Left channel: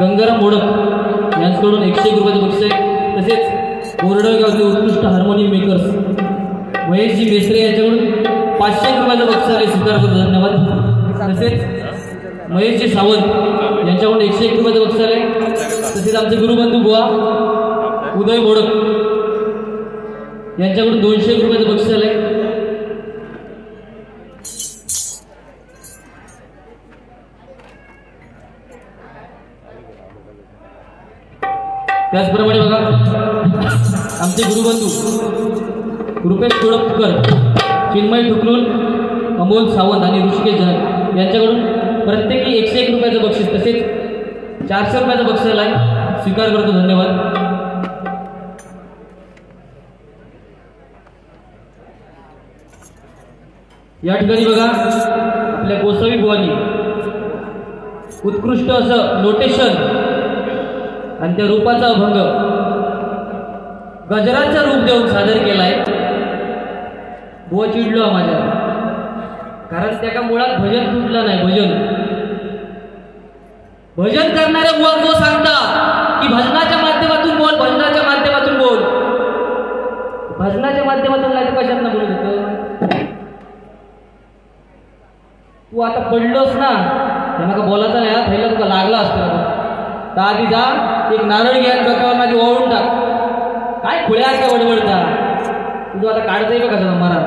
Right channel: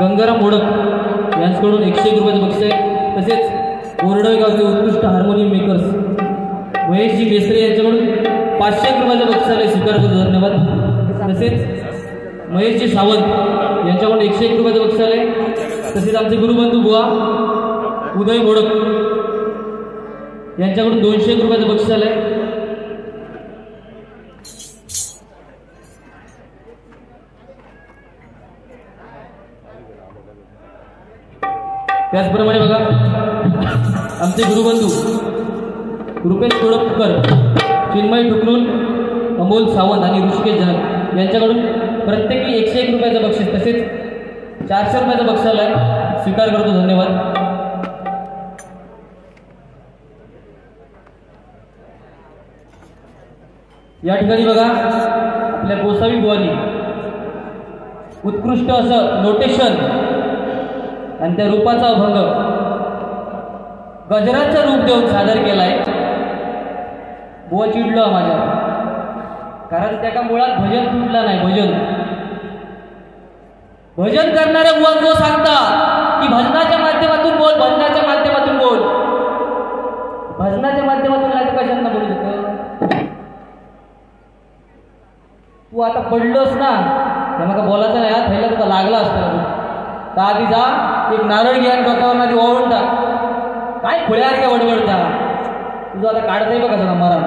गंगाराम मोडक यांच्याकडून 101 रुपयाचं बक्षीस आहे. तसेच बोर्डगावचे उत्कृष्ट हार्मोनियम मेकर्स महेशजी मेस्त्रे यांच्याकडून 500 रुपयाचं बक्षीस आहे. स्वीकार करतो, धन्यवाद. तसेच महेशजी सावंत यांच्याकडून 101 रुपयाचं बक्षीस आहे. तसेच आमचे गुरुबंधू बुवा उदय मोडक यांच्याकडून 200 रुपयाचं बक्षीस आहे. त्याचप्रमाणे बघा आमचे गुरुबंधू रुपेश कोळपकर, चिन्मय ठुकलून, अमोल सावंत आणि ऋषिकेश जन यांच्याकडून प्रत्येकी 101 रुपयाचं बक्षीस तसेच 400 रुपयाचं बक्षीस आहे. स्वीकार करतो, धन्यवाद. या ठिकाणी बघा आपल्या गोसावी बुवांनी उत्कृष्ट असं नोटेशन आणि त्या रूपाचा अभंग गजराचं रूप देऊन सादर केलाय. बुवा चिडलो माझ्या, कारण त्या मुळात भजन तुटला नाही. भजन करणाऱ्या बुवा जो सांगता की भजनाच्या माध्यमातून बोल, भजनाच्या माध्यमातून बोल, भजनाच्या माध्यमातून नाही तर कशात बोलत होतं. तू आता पडलोस ना, त्यांना बोलायचं नाही. थैला तुला लागला असतं तर आधी जा, एक नारळ घ्या, डोक्यावर मध्ये ओढून टाक. काय खुळ्यासारखा बडबडता तुझं आता काढता येईल बघा मला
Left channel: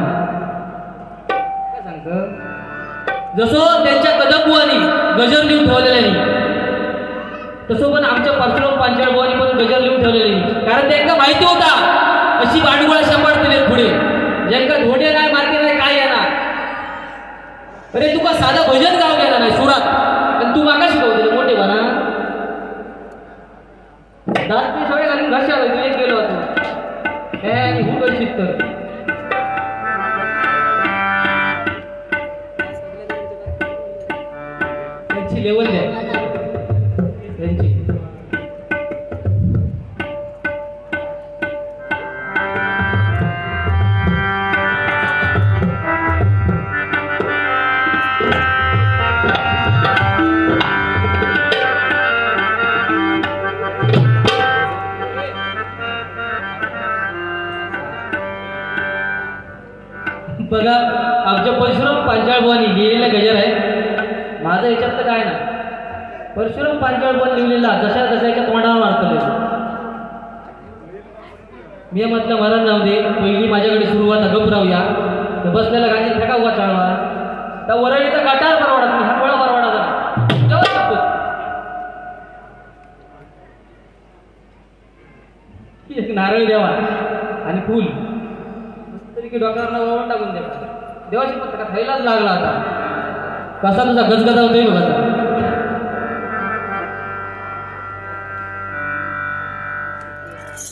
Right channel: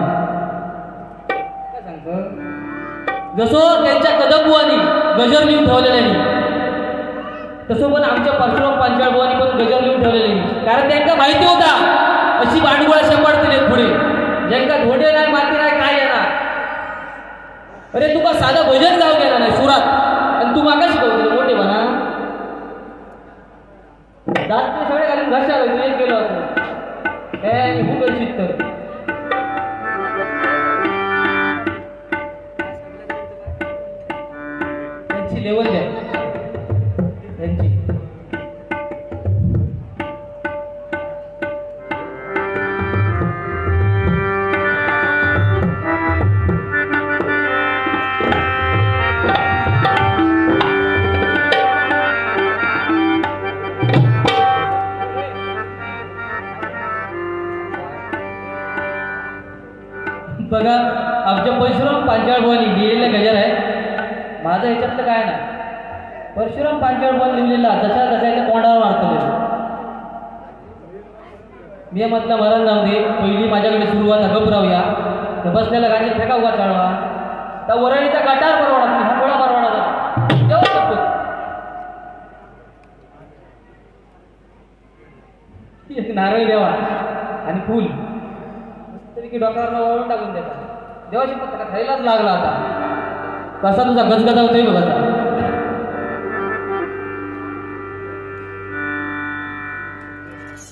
काय सांगत. जसं त्यांच्या कदमबुवानी गजर लिहून ठेवलेले तसं पण आमच्या परशुराम पांचाळ बुवानी पण गजर लिहून ठेवलेले. कारण त्यांना माहिती होता अशी बाडगुळा शंभरते पुढे ज्यांका घोडे नाही, माती नाही, काय येणार. अरे तुका साधं भजन गाव गेला नाही सुरात आणि तू मागा शिकवतो मोठे म्हणा. दात सगळे घालून घाशा एक गेलो होतो हुकर शिकत. त्यांची लेवल आहे त्यांची. बघा आमच्या परशुराम पांचाळ बुवांनी लिहिलेले गजर आहेत. माझं याच्यात तर काय ना, परशुराम पांचाळ बुवांनी लिहिलेला जशा जशाच्या तोंडावर वाढतले. मी म्हटलं मरण जाऊ दे, पहिली माझ्याकडे सुरुवात गप राहूया. तर बसलेला गाडी फेका उभा चालवा त्या वरळीचा गाठार परवडत नाही, हा गोळा परवडा जेव्हा शकतो. एक नारळ द्यावा आणि फुल की डॉक्टरांना ओळून टाकून द्यायचा. देवाची पत्रिका खायलाच लागला. आता कसा तुझा गजगजा होतोय बघा.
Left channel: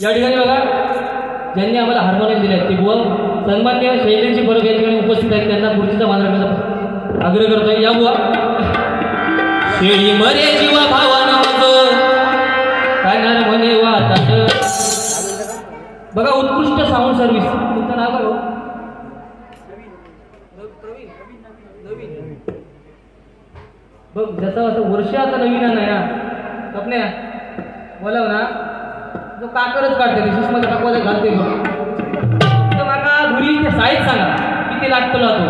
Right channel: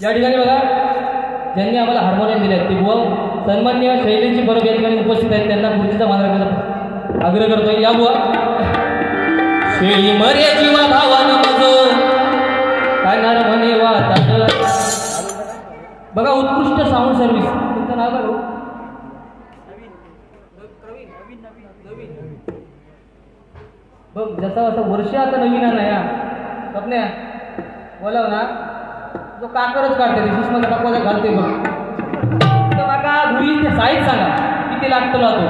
या ठिकाणी बघा ज्यांनी आम्हाला हार्मोनियम दिले ते बुवा सन्मान्य शैलेंची परब या ठिकाणी उपस्थित आहेत. त्यांना पुढचा मान राखण्याचा आग्रह करतोय. या बुवा शेळी मरे जीवा भावानं मग कानार म्हणे वाटत. बघा उत्कृष्ट साऊंड सर्व्हिस. तुमचं नाव काय? बघ जसं असं वर्ष आता नवीन आहे ना कपन्या बोलाव ना जो काकरच काढते शिशमध्ये काकवाचा घालते बघ. तर माका घरी ते साईज सांगा किती लागतो लावतो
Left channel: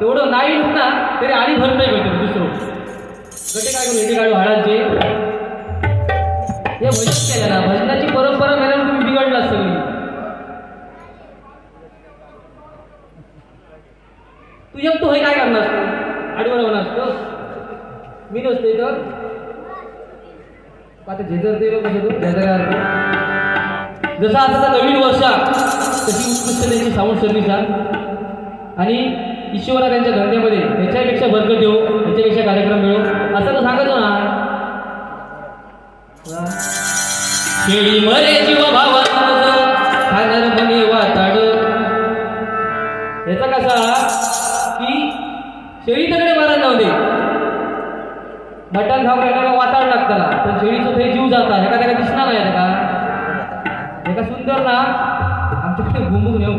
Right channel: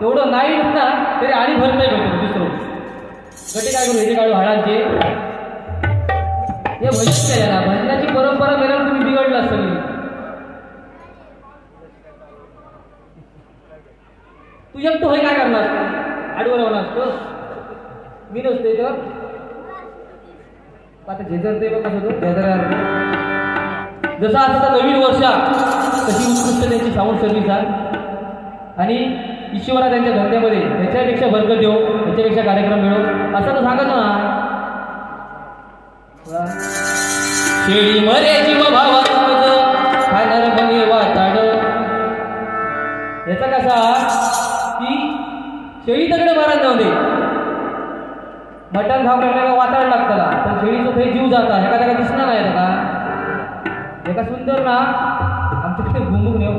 तेवढं नाही ना तरी आणि भर नाही भेटत. दुसरं गटे काय करू हे काढू हळांचे हे भजन केलं ना. भजनाची परंपरा मेला तुम्ही बिघडला सगळी. तुझ्या तू हे काय करणार असतो आडवर राहणार असतो. मी नसतो इथं आता झेजरते जसं आता नवीन वर्षा तशी उत्कृष्ट त्यांची साऊंड सर्व्हिस आणि ईश्वरा त्यांच्या धंद्यामध्ये त्याच्यापेक्षा बरकत येऊ, त्याच्यापेक्षा कार्यक्रम मिळो असं तो सांगतो ना. शेळी मरे जीव भावानं खाणार म्हणे वाटाड. याचा कसा की शेळी तकडे मारा जाऊ दे, मटण खाऊ वाटाड लागताना पण शेळीचं ते जीव जाता एका त्याला दिसणार नाही का एका सुंदर ना आमच्याकडे घुमून येऊ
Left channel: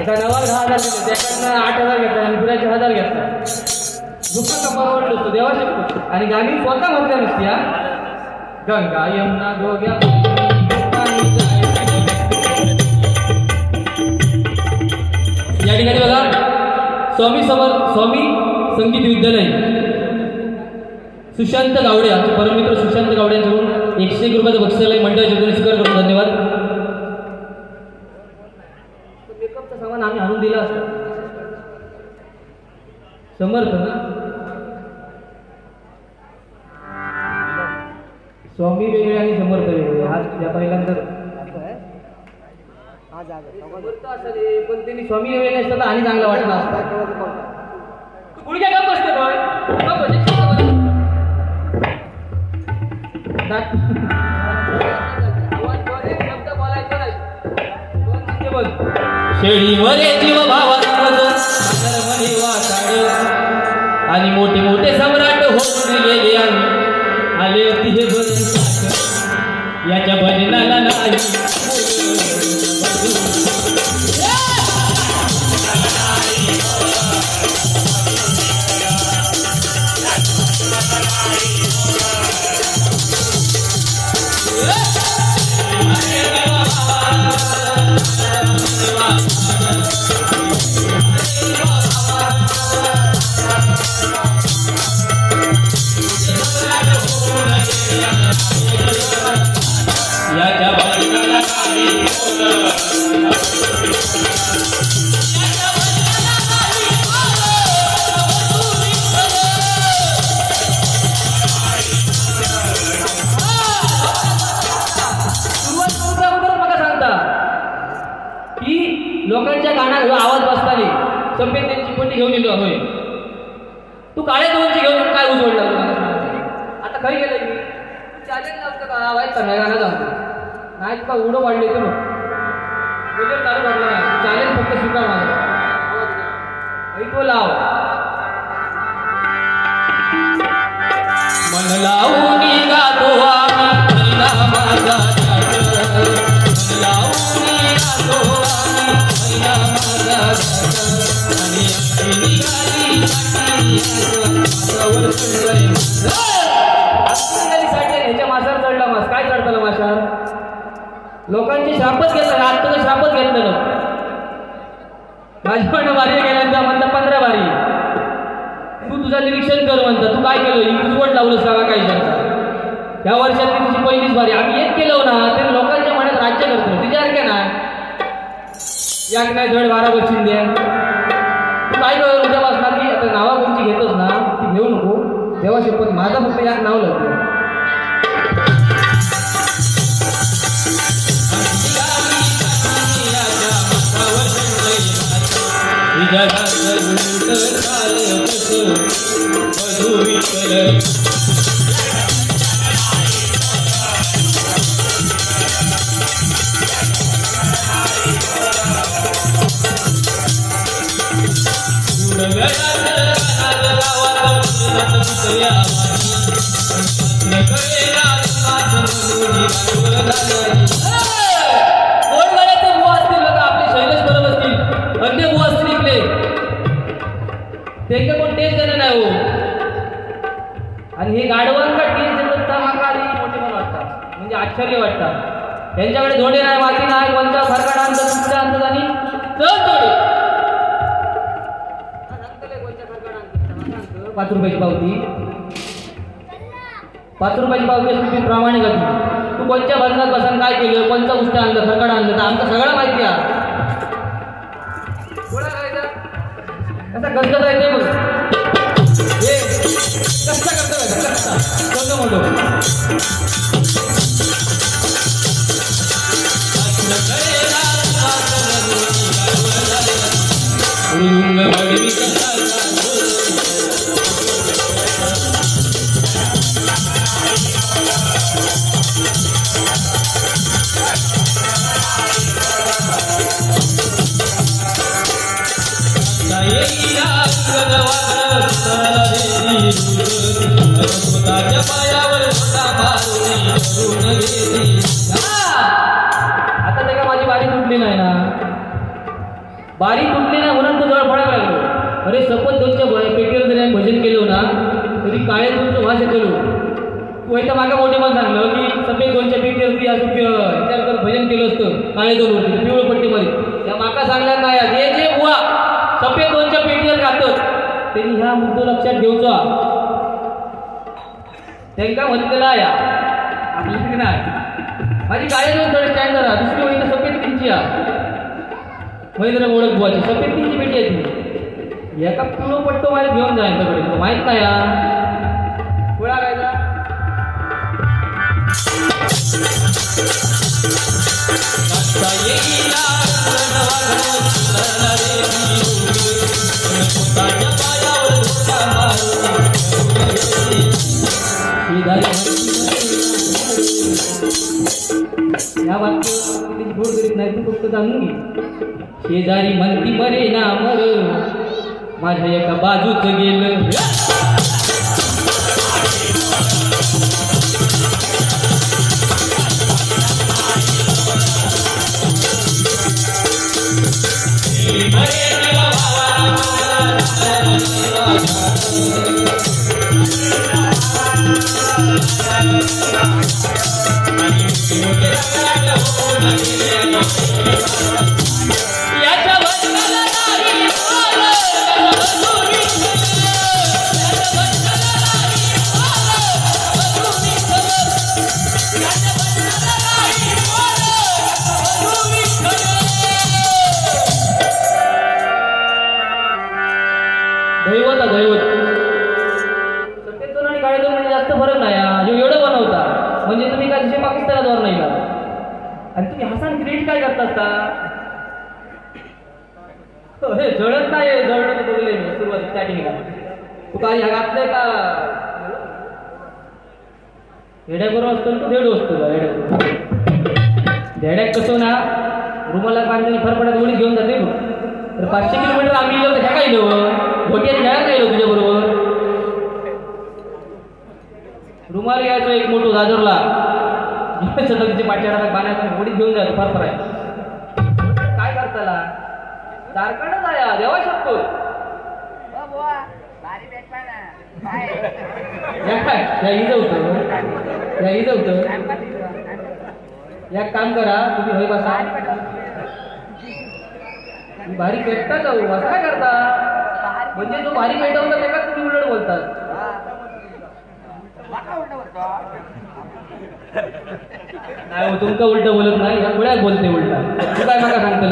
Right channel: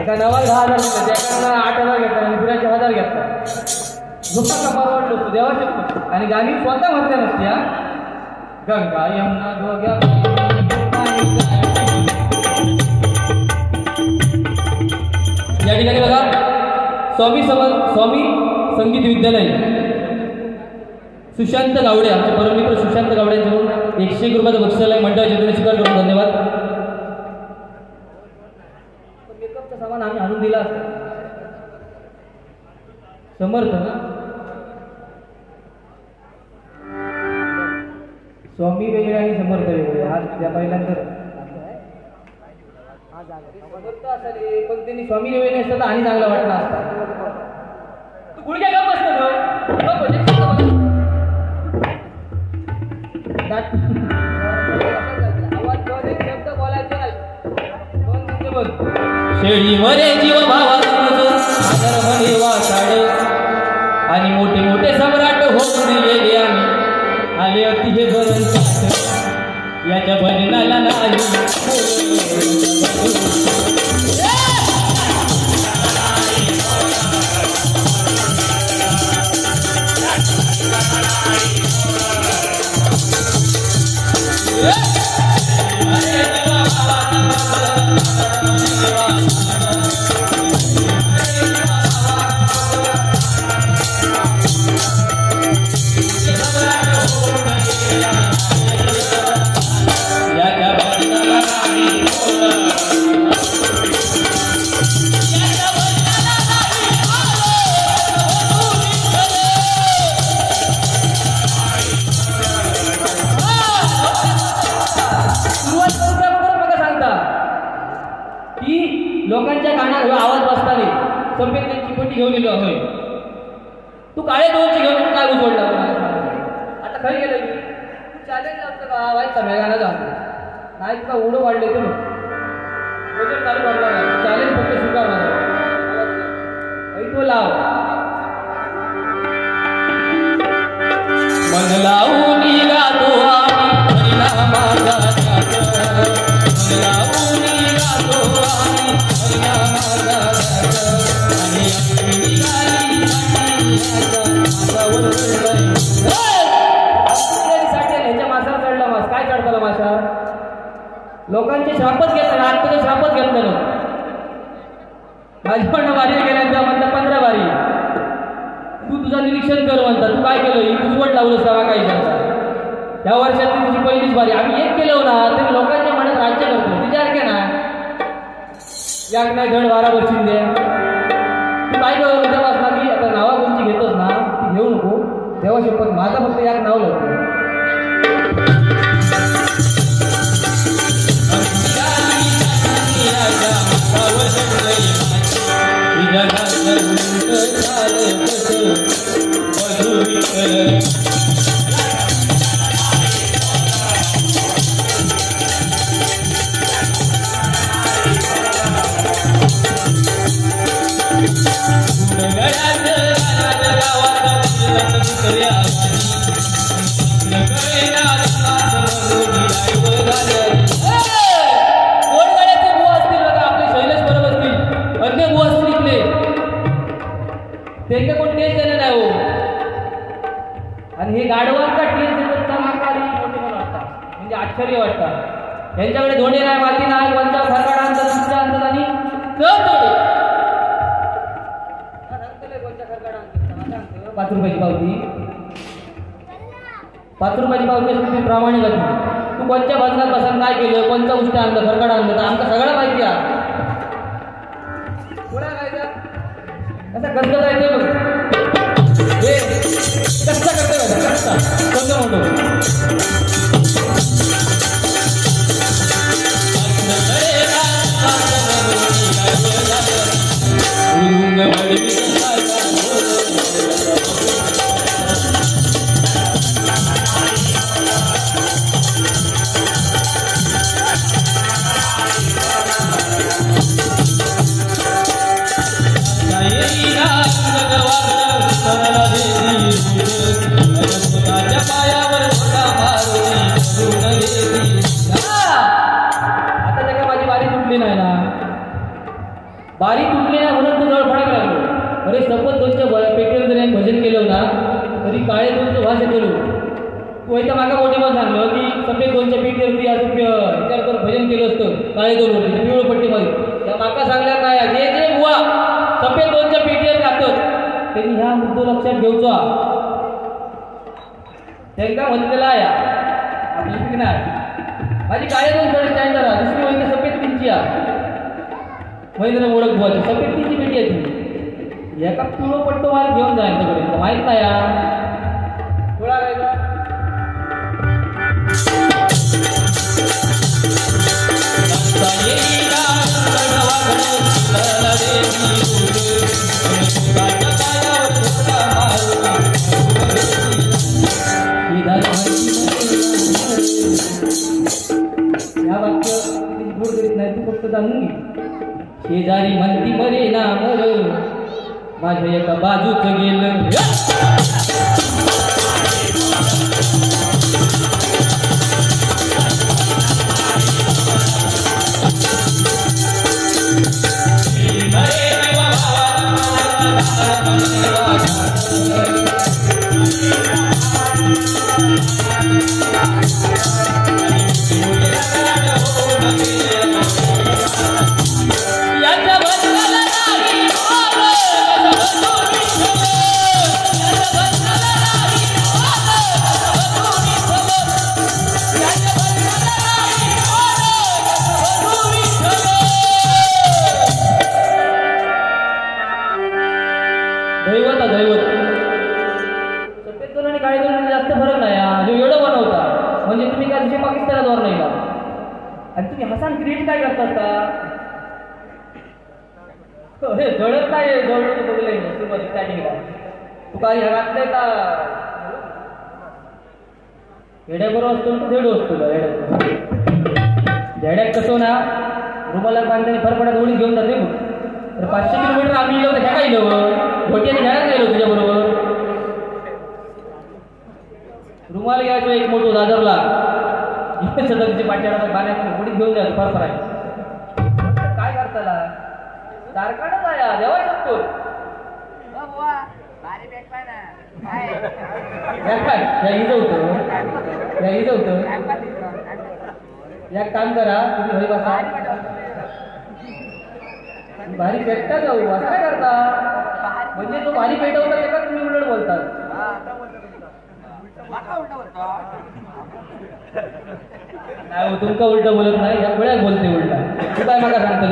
एका नवा 10,000 घेतला, एका 8,000 घेतला आणि पुऱ्याचे 1,000 घेतला. दुःखाचा परवडलो असतो देवाशी आणि गाणी स्वतः म्हटल्या नसत्या गंगा यमुना गोग्या या ठिकाणी बघा स्वामी संगीत विद्यालय सुशांत गावडे आमचे परममित्र सुशांत गावडे यांच्याकडून 101 रुपयाचं बक्षीस मंडळाचे वतीने स्वीकार करतो. धन्यवाद. मेकअपचं सामान आम्ही आणून दिला असतं. समर्थ ना स्वामी वेगळे आणि समर्थ वेगळे हा त्या पहिल्यांदा समर्थ असेल पण त्यांनी स्वामी वेगळे असतं तर आणि चांगलं वाटलं असतं. गुडघ्या का बसतं शब्द बोलायचं नाही. शेळीमध्ये जीव आणि मोठे मोठे सम्राट होऊन दिलेले आले अगदी हे भजन याच्या भजनाला नाही. लोकांच्या कानात आवाज बसताना संपेत त्यांची पोटी घेऊन येतो होय तू काळ्या दोनची घेऊन काय उजवडला आता काय गेलं मी चॅलेंज लावतं का आवाज नाही गाणं जातो नाही का उडं वाढले ते मग वगैरे चालू वाढला नाही चॅलेंज फक्त स्वीकार तो लाव मन लावून गातो आम्ही हरिनामाचा मन लावून गातो काय चढताना माशा लोकांची शापच घेतला आता तर शापच घेतलं ना माझ्याकडनं वारी गेल्यानंतर म्हणता 15 वारी तू तुझं निरीक्षण कर म्हणता तू काय केलं उजवट लावलं सगळा काही शकता या वर्षात तुझी पहिलीच वारी आम्ही एक केलं ना ते लोकांच्या मनात राज्य करतो तिच्यासारख्या ना याक नाही धड 12 बसून द्या तू काय करू तेव्हा असणार की आता नावा कोणची घेतोस ना ती घेऊ नको तेव्हा शपथ माझं फक्त याक नाव लागतं त्यांच्या कोण टेस्ट देणं नाही हो आणि हे गाडवांना टेस्ट देतात माका आधी मोठे मला वाटतात म्हणजे आश्चर्य वाटतात त्यांच्याकडे धोंडे नाही माती नाही कोणता फरकाट आणतात तुमच्या आणतात आणि तर थोडे सांगतले कोणत्या फरकाट आणतात 5 रुपयाची पावती 5 रुपयाची पावती तुम्ही प्रामाणिक तू कोणत्या बदलात बसून काय केलं कोणता गोष्ट आणलं फरकाट आणलं तर आमचं सगळं माहिती आहे थोडा काय कसा गजगज आहे ते बघ हे कसा करतोय कसा कोणतं मोठं Yeah. काळी दोन होती पिवळ पट्टीमध्ये त्या माका सांगल्या काय जे जे बुवा सफेद दोनच्या पेटीवर राहतात त्यांनी ह्या मुद्दो लक्षात घेऊचा त्यांना म्हणलेला या आपल्याकडे नाही माझी गाडी दोन थोडे स्टँड झाला दुसरी महिने सफेद किंची महिंद्र ओळख बुवाची सफेद किंची पेटी येते एका पिवळं पट्टो माझ्या घेऊन जाईल त्याकडे माहित नाही या कोळा काय ह्या वाक्य गोड करीत नाही तू फक्त जाणून घे शेजारी म्हणती मरे ना मर माझ्या एका बाजूच गेलं दैवत दैवत सफेद दोन आणि काळे दोन म्हणजे जास्त फरक नाही जो एवढं बनवता म्हणजे तुम्ही काय जसे पाकिस्तानात वर नाही आणि तुम्ही हसान क्रिएट काय करता असता हे जळत नाही जळत बघले सुरुवात स्टार्टिंगला तू काय ह्या घातलंय का हेड्याबरोबर असतो तू धेडो असतो धेड्यात कसं ना रुमाला बांधल्याने फरफड्यात ओळी घेऊन जाते तर 500 किलोमीटर आम्ही गेलो तर ह्या काय गेलो गोट्याने खेळायला गेलो तुझ्याबरोबर रुमाल घ्यायचो एक मोठो दादरला तिचे पाठ्याला पाण्यात गोडीत घेऊन जायचं फरफर आहे काय करताला कारखानाच आहे देवा शकतो हिज होतं एक काम करा तुम्ही होई बसा भारी पेटता जाऊ असं काय करता म्हणजे जो भारी पेटवता त्याला तुम्ही उलट बोलतात नाही तुमचं उलट बोलत नाही या गोळ्यात बोलते उलटा तू काय मला सांगतो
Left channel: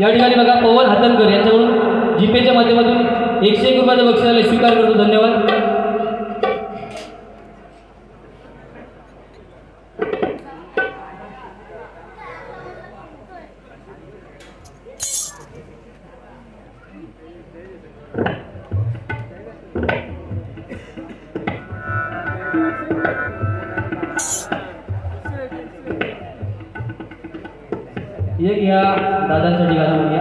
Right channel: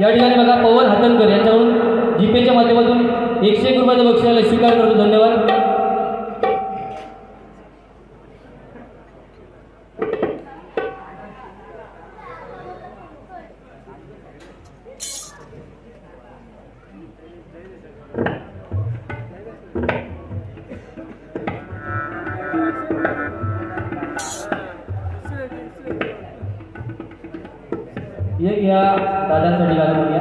या ठिकाणी बघा पवन हातनकर यांच्याकडून जीपेच्या माध्यमातून 101 रुपयाचा बक्षिसाला स्वीकार करतो धन्यवाद एक या दादांसाठी गाणं म्हणूया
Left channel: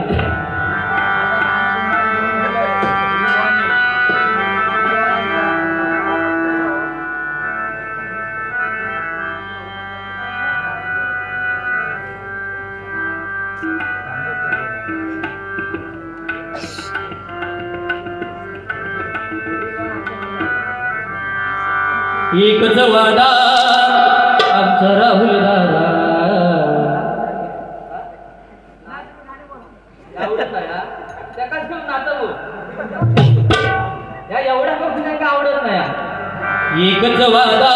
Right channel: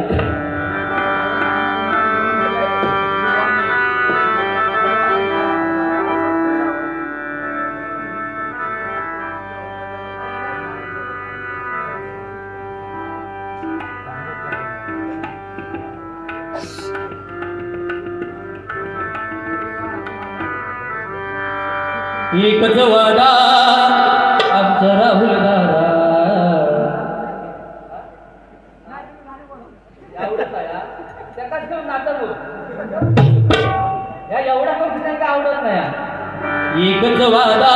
एकच वादा आमचा राहुल दादा एवढा मग आवडत नाही एकच वादा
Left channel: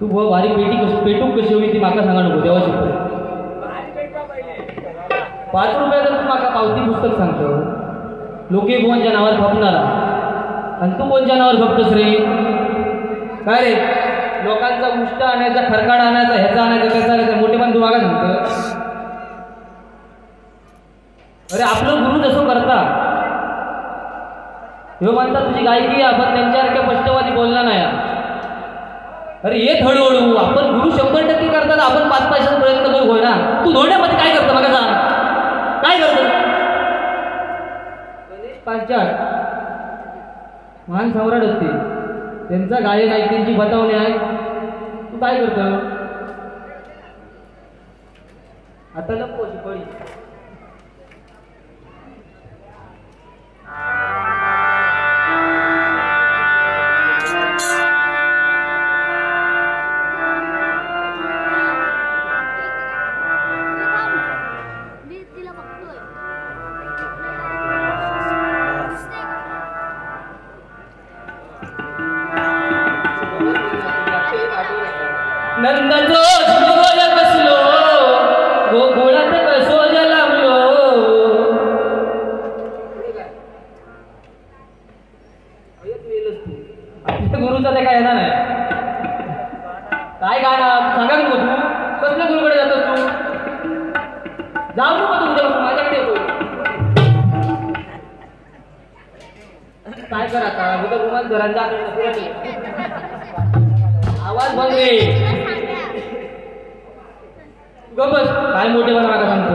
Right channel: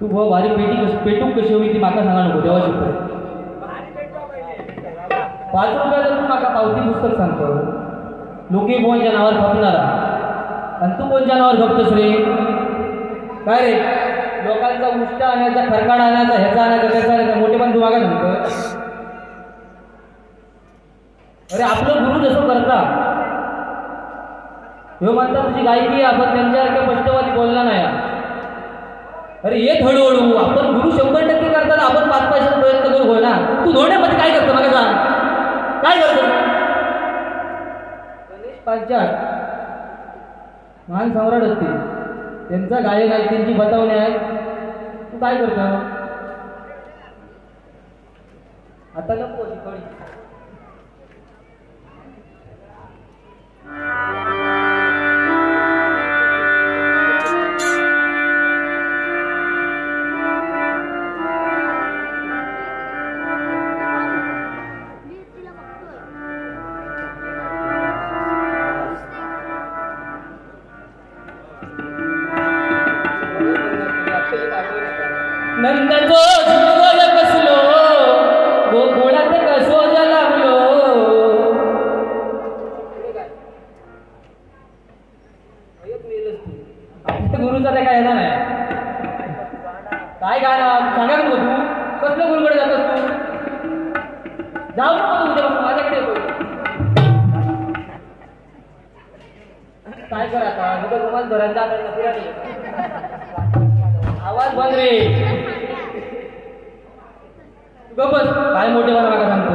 तू बुवा भारी पेटूक कशी होई ती माका सांगा नको देवा शिकतो 5 रुपयाचं तू माका पावती पुस्तक सांगतो लोके कोणच्या नावावर खपणारा आणि तू कोणच्या नावावर खपतोस रे काय रे लोकांचा उष्ट आणायचा खरकाड आणायचा ह्याचा आणायचा त्याचा आणायचा मोठे पण तू मागा सांगतो अरे आपलं गुरु जसं करता ह्यो म्हणता तुझी गायकी आपण त्यांच्यासारख्या स्पष्टवादी बोलला नाही अरे येत हळूहळू आपण गुरु 100% करतात आपण 5 पैशाचा प्रयत्न करू होय ना तू धोण्यामध्ये काय करतो बघा सांग काय करतो गणेश पांचाळ महान सम्राट होते त्यांचा गायन आहे त्यांची बतावणी आहे तू काय करतो आता नको शिकवली नंदचो झुलवळ बसलो गोकुळात कसो जलमलो गुरुचा ते काय येणार नाही काय गाणं सांगा नको तू कसल्या गुरुकडे जातोस तू जाऊ नको तू उद्यापासून माझ्याकडे येतो काय कर आता उद्या रोमान घरांच्या आवाज बंद रे बस काय मोठे मला मागा सांगतो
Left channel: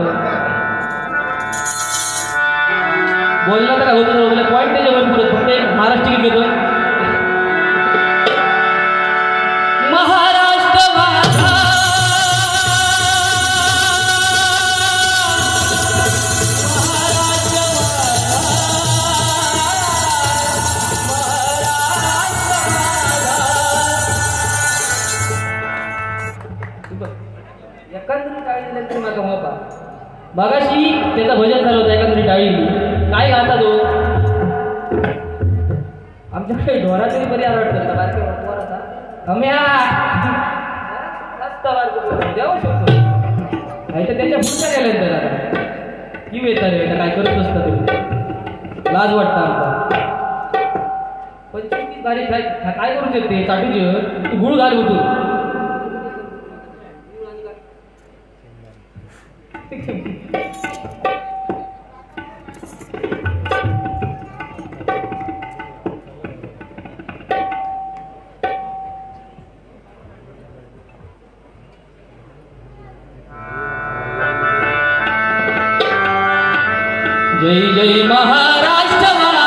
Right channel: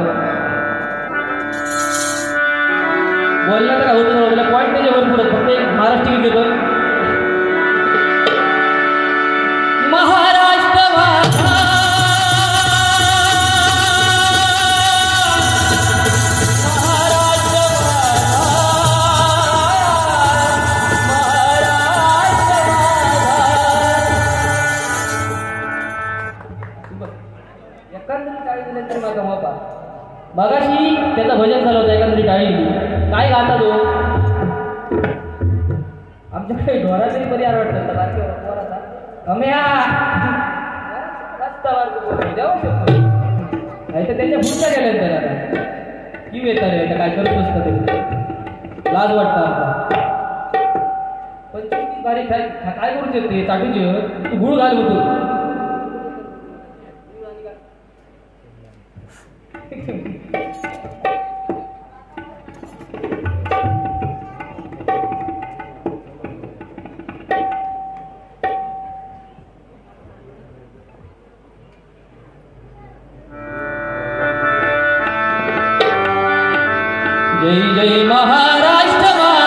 बोललं तर होतं पॉईंट नाही भरपूर फक्त एक महाराष्ट्र गीत घेतो महाराष्ट्र माझा मगाशी त्याचं भजन झालं होतं एखादी टाळी काय गाता तो आमच्याकडे ढोरा तरी बरी आवडतात त्यांच्या पुढच्या गेल्या त्याला की येतात रे काय करत नसतं ते लाज वाटतं आता 25 तारीख काय करू शकते चाटूचे तू गुळ घाल होतो जय जय महाराष्ट्र माझा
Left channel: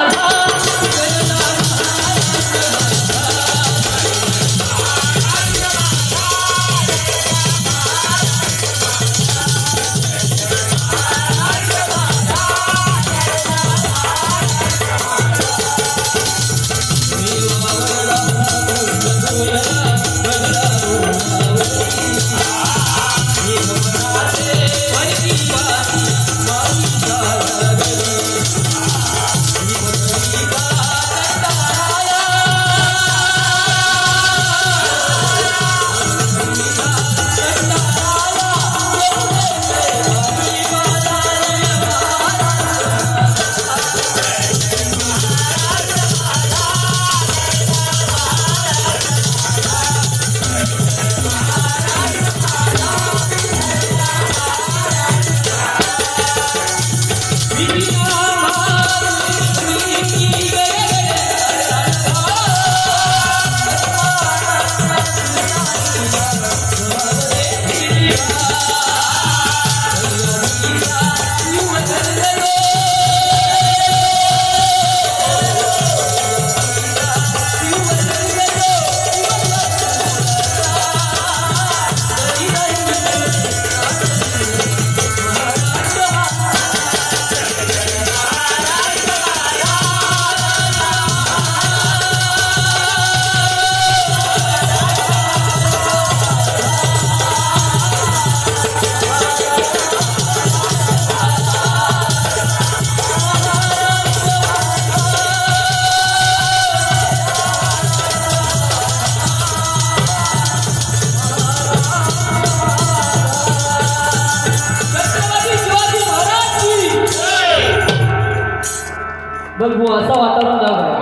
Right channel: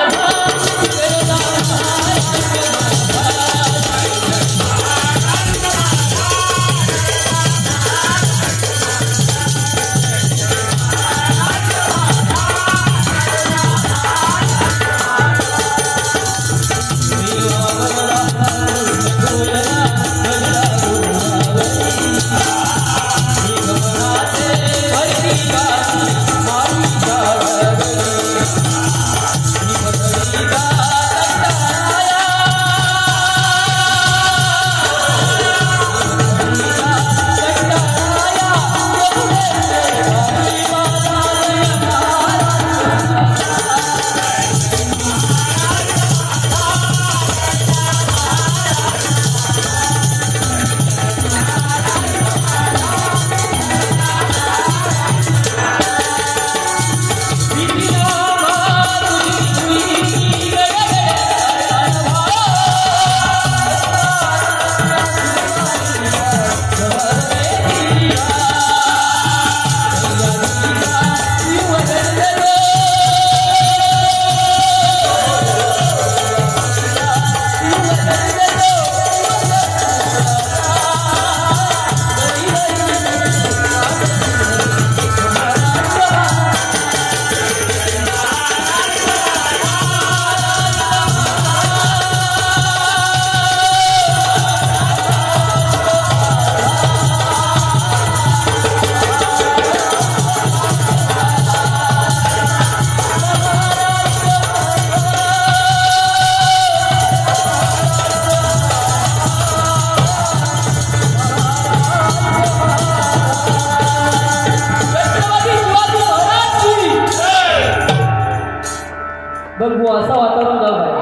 असं वातावरण जाऊ आहे.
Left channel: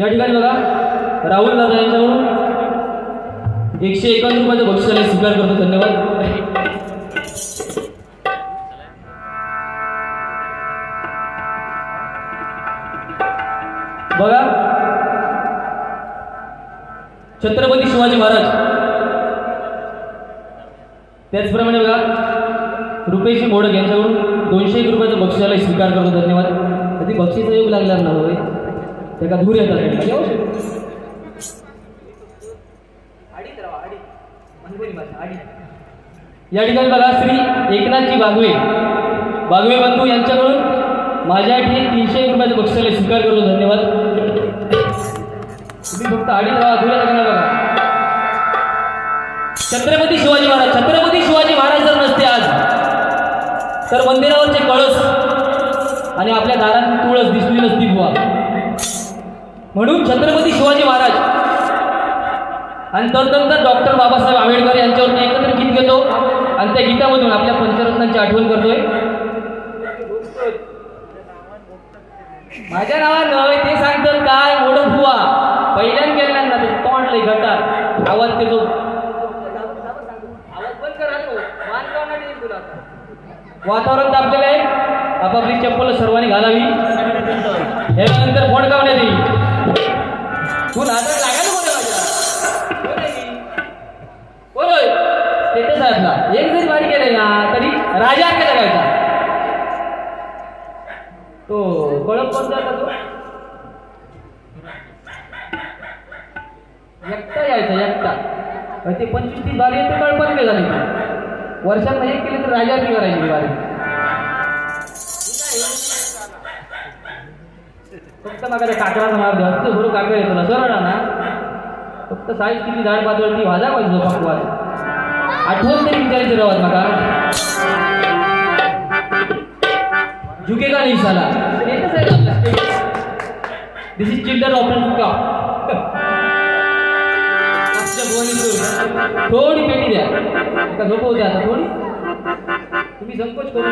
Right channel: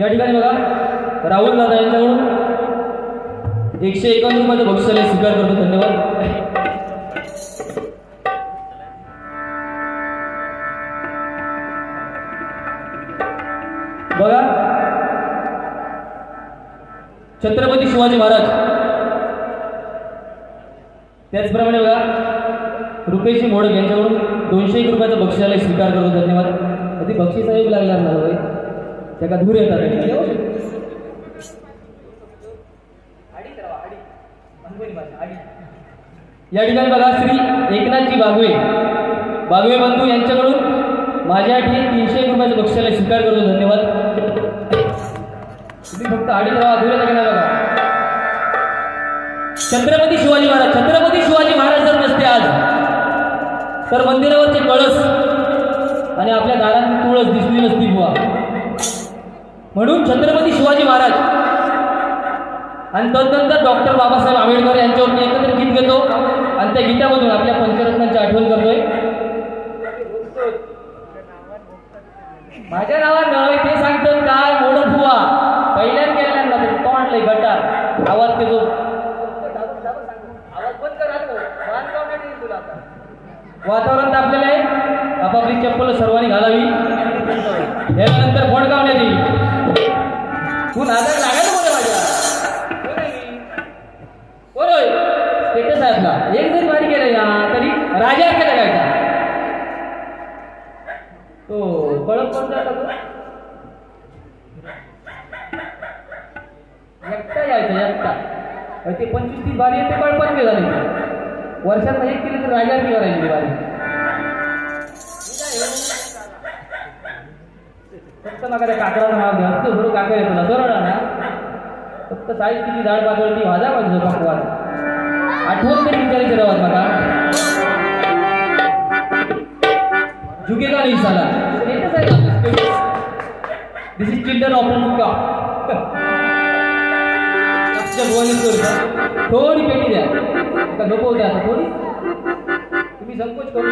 या ठिकाणी बघा राहुल दादा यांच्याकडून 151 रुपयाचं बक्षिसाला स्वीकार करतो. धन्यवाद. बघा छत्रपती शिवाजी महाराज त्याचप्रमाणे बघा रुपेश मोडक यांच्याकडून 201 रुपयाचा बक्षिसाला स्वीकार करतो. धन्यवाद. कधी बक्षीस आयोग लागला ना होय त्या का दूर येतात. या ठिकाणी बघा श्री एकनाथजी बागवे बंधू यांच्याकडून माझ्या ठिकाणी 301 रुपयाचा बक्षिसाला स्वीकार करतो. धन्यवाद. तुम्ही फक्त अडीच अधुऱ्या लागणार बघा. छत्रपती शिवाजी महाराज जर नसते आज तर मंदिरावरचे कळस आणि आपल्या दारात तुळस दिसली नसती बुवा. म्हणून छत्रपती शिवाजी महाराज आणि तदनंतर डॉक्टर बाबासाहेब आंबेडकर यांच्यावरती एकत्र गीत घेतो आणि त्या गीतामधून आपल्या पंचरत्नांची आठवण करतोय. माझ्या नावात नव्हे ते सांगतात काय मोडत हुआ पहिल्यान केला ना ते तोंड लय गटार आवाज देतो. आवाज बंद करा तुला. वातावरण तापलेलं आहे. आपापली चप्पल सर्वांनी घालावी. यानंतर फोन कावण्यात येईल. तू नादाला लागायचं कोण माझ्या कोण होय स्टेटस आहे आपला. एक जरी वाढ केलंय ना तरी राजा केला काय तो कळप कोण जाता तो एकटा यायचा एकटा. ते 25-30 बारी येते कळपात नाही झाले. वर्षात एक केले तर राजावरती करायची बारी. फक्त मग त्या काकडाचा नाव घ्या. फक्त गुरु काकड येतो ना सरळ ना फक्त साईज किती झाड पातळी भाजा पाहिजे. भगवान आठवण तरी विचारायची राहत नका. झुकेगा नहीं साला. दिस इज चिल्ड्रन ऑपरेशन का. थोडी पेटी द्या का झोपवू द्या. आता थोडी तुम्ही संकोच करू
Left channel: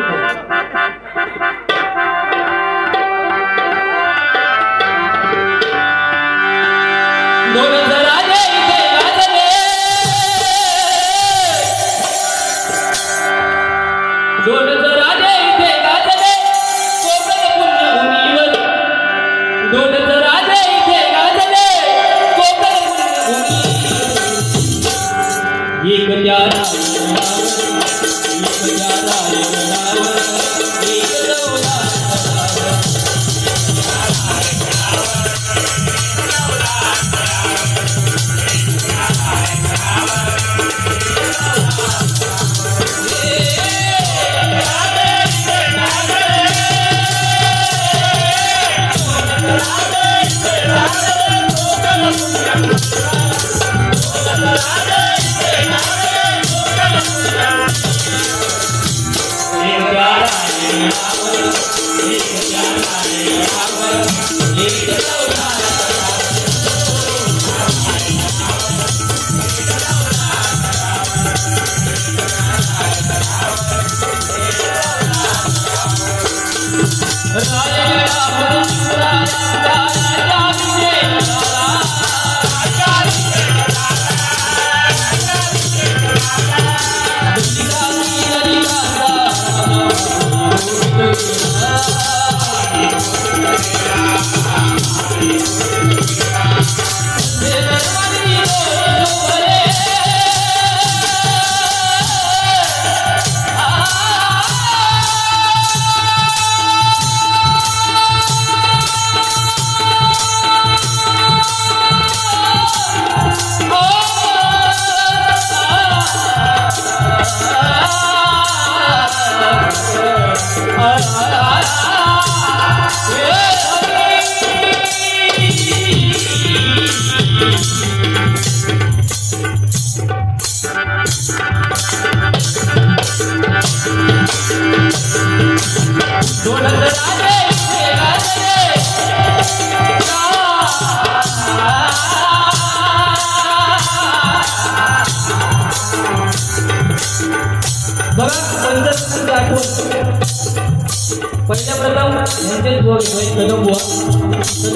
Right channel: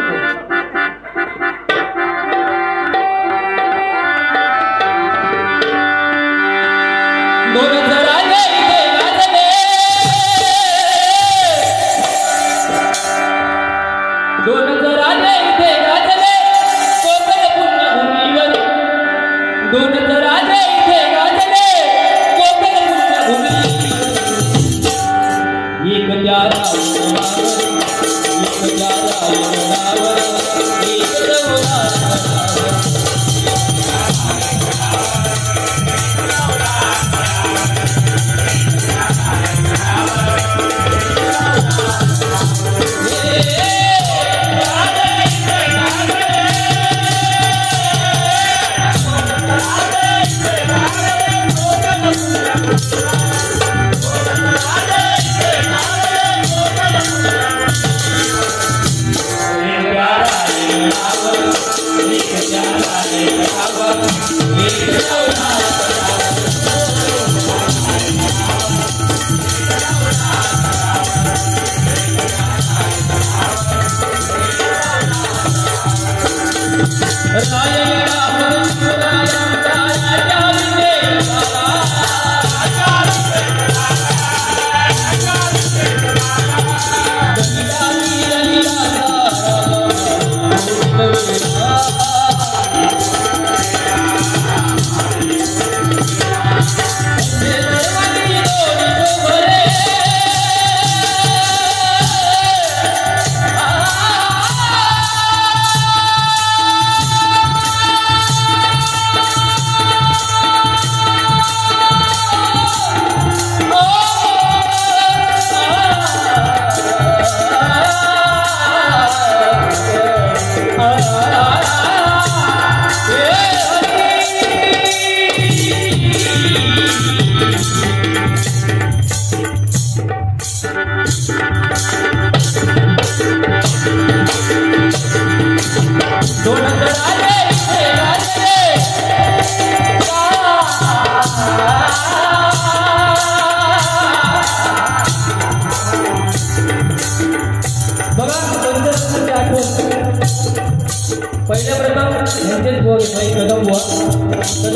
पहिल्या प्रथम यांचे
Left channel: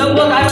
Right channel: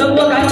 लंब काय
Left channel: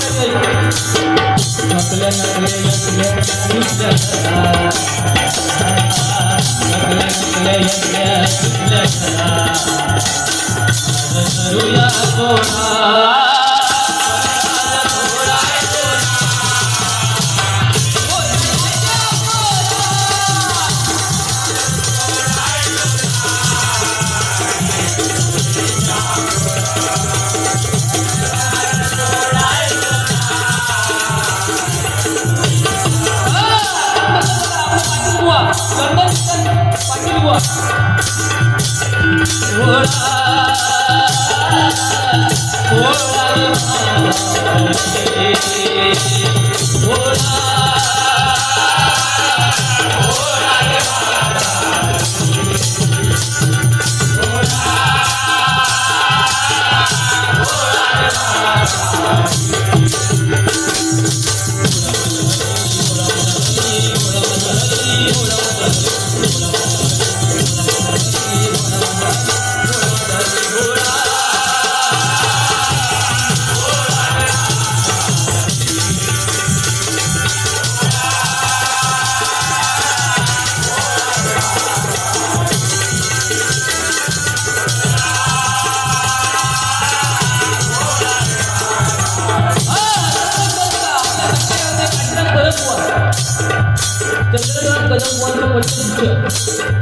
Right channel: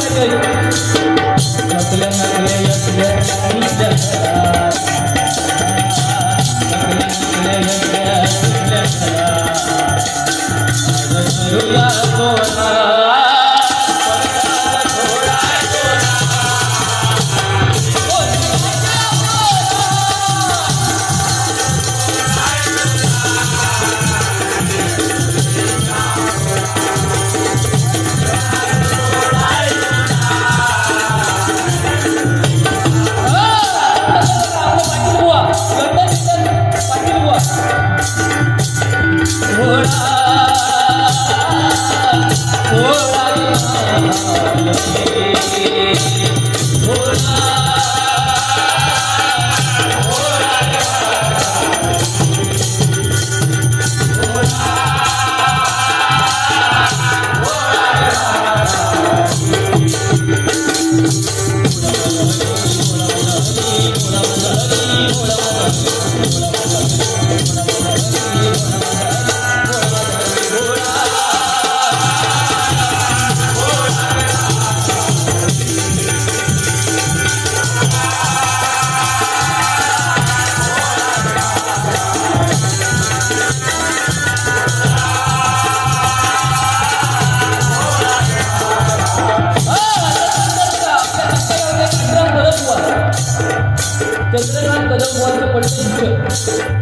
चंद्रकांत कदम बुवांचं पट्टशिक्षक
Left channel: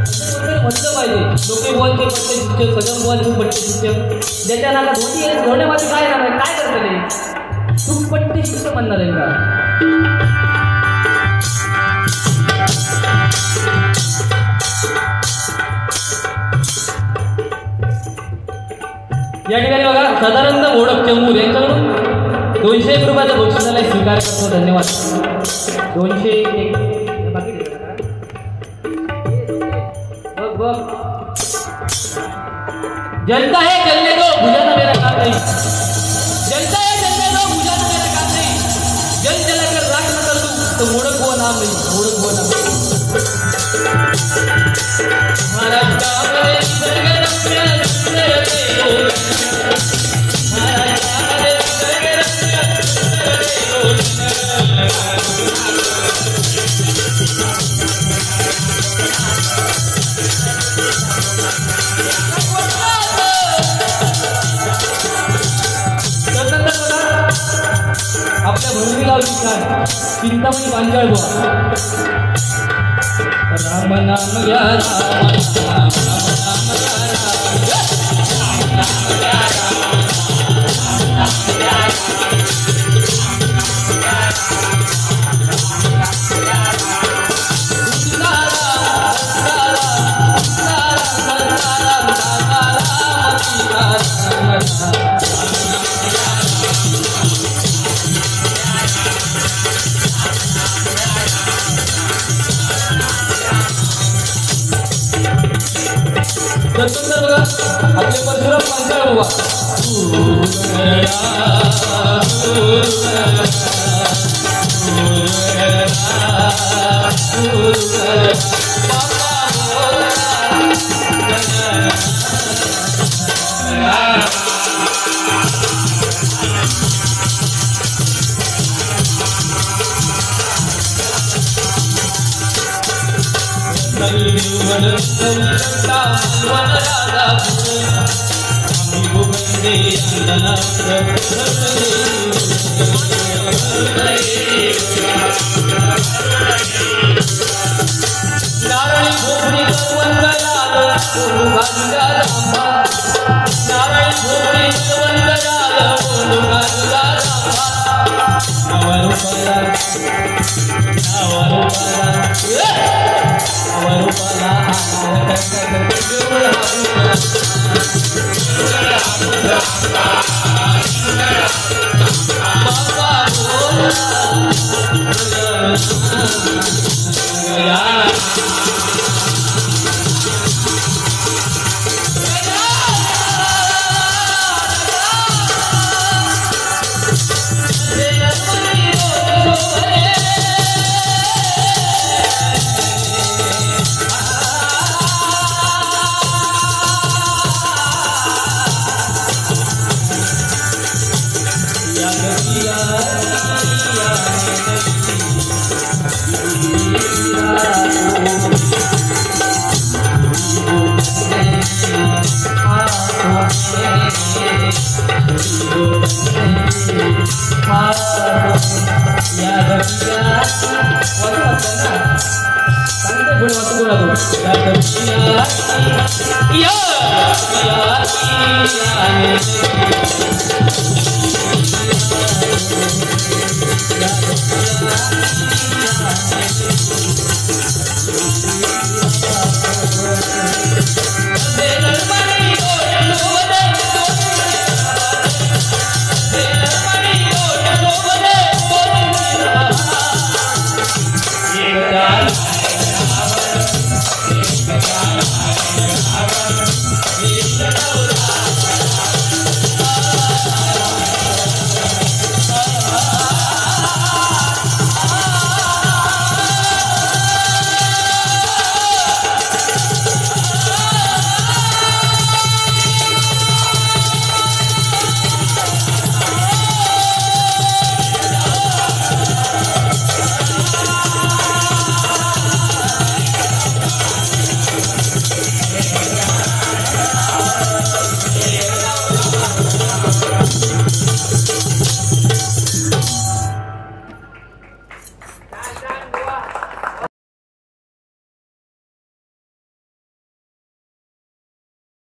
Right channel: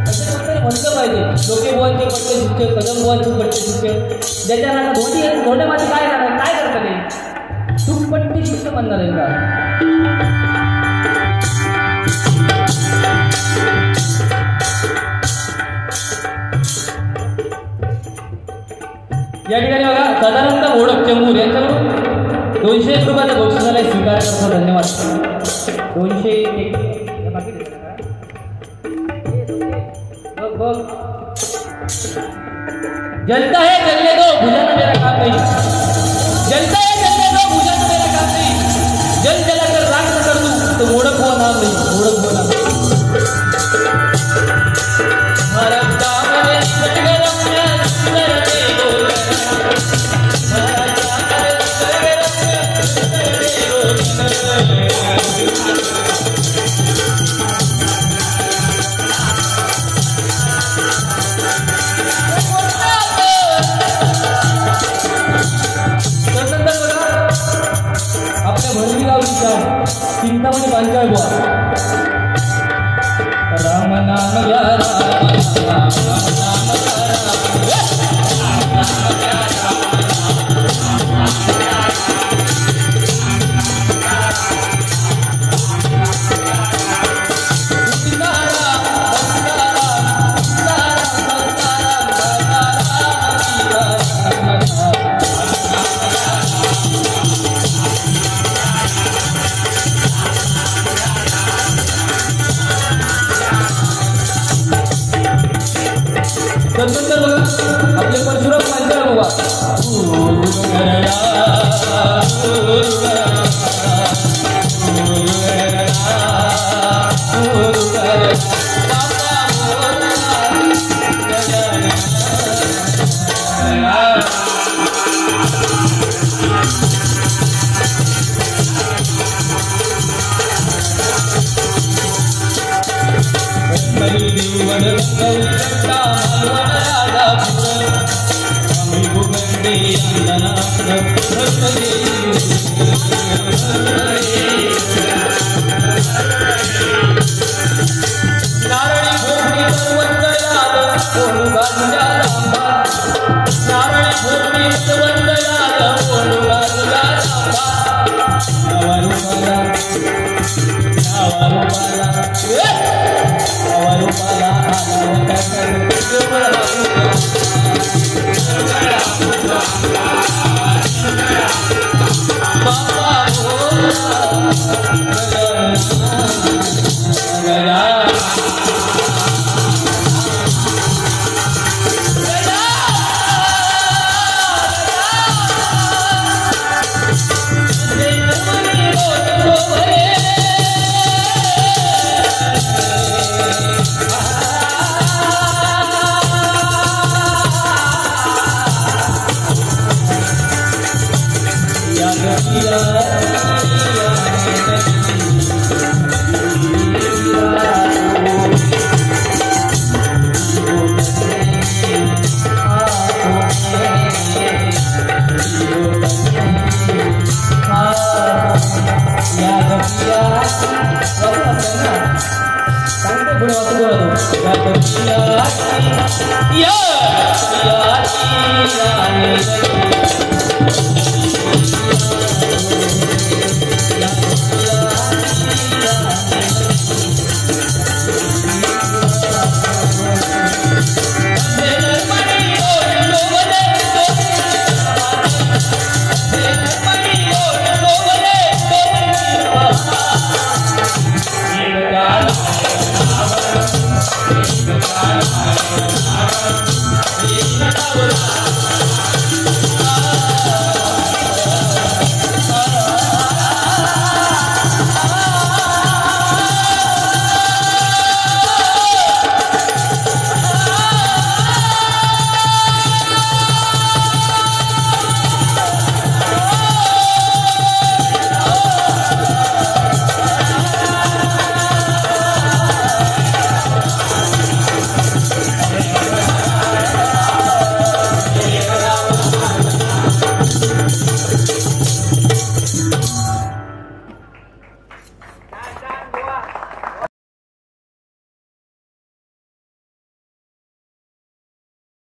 असं म्हटलं पाहिजे. लोके बुवांचे पट्टशिक्षक, कदम बुवांचे पट्टशिक्षक, ज्याच्या नावात धोंडी आहे, धोंड्यामध्ये काय नाव आहे, काय करतं ते तू पट्टशिक्षक म्हणणार आहे का? या ठिकाणी बघा साधारणतः मोडक चंगूर यांच्याकडून 201 रुपयाचा बक्षिसाला स्वीकार करतो. धन्यवाद. 201 जनता है चलने दो, बुझाना मेरा काम नहीं. जनता है चलने दो, बुझाना मेरा काम नहीं. जल जलाकर राख न कर दूं तो ओळख हुआ नाम नहीं. ओळख हुआ नाम हमारा काम है सरगरम करते हो. हमारा काम है सरगरम करते हो. चिंतामणी पांचाळ बुवा. राम नाम घ्या, राम नाम आपले परशुराम पांचाळ बुवा.